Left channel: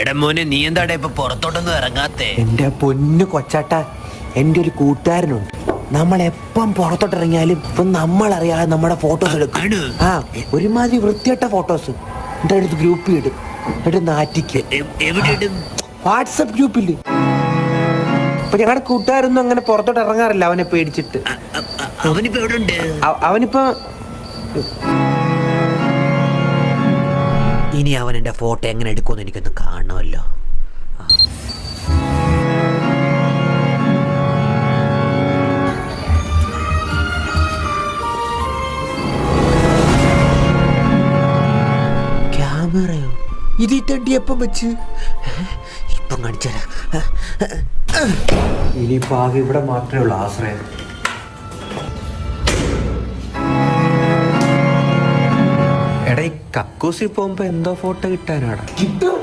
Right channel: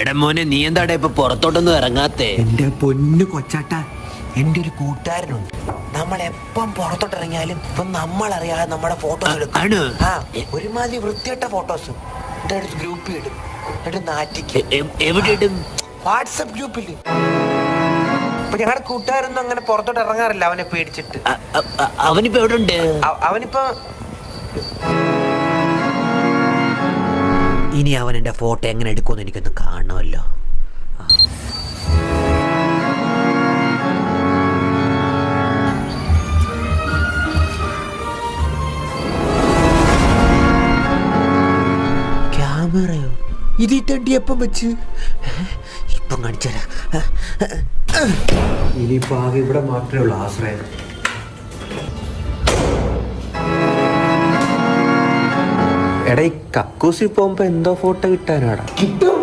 എടാ മോനെ, നീ എന്താടാ ഇപ്പൊ പുറത്തോട്ടൊന്നും ഇറങ്ങാത്തേ? എന്റെ പൊന്നു കൊച്ചാട്ട, എന്റെ ഒരു കൂട്ടുകാരനുണ്ട്. നമ്മളെപ്പം പുറത്തോട്ടിറങ്ങിയാലും ഇപ്പൊ നമ്മളറിയാതെ നമ്മുടെ ഫോട്ടോസ് എടുക്കും. ആ, ഒരുമാതിരി വൃത്തിയായിട്ട ഫോട്ടോസ് എന്റെ അടുത്ത് ഗ്രൂപ്പിൽ ഇടും. എന്നിട്ട് നാറ്റിക്ക്. എവിടെ ഇടും? വാട്സപ്പ് ഗ്രൂപ്പില്. അപ്പൊ ഞങ്ങളുടെ കൂട്ടുകാരൊന്നും അങ്ങനെ പുറത്തോട്ട് ഇറങ്ങാറില്ല അവനെ പേടിച്ചിട്ട്. അവനിപ്പോ എവിടെ ഉണ്ട്? അവനിപ്പോ ഇനി അവൻ എന്റെ ഫോട്ടോ എങ്ങനെ എടുക്കുമെന്ന് എനിക്കൊന്ന് കാണണമല്ലോ. ക്യാമറയോ? ഇതിട്ടണ്ടി എപ്പം വെച്ച്? ഇപ്പം കാണിച്ചരാ. ഇനിയിപ്പോ ആകെ ഇവിടെ മാത്രമേ ഉള്ളൂ ആശ്രയം. എടാ, ഈ കക്കൂസി പോകുമ്പോ എന്തോ ഫോട്ടോ കിട്ടാനാടാ. കിട്ടും.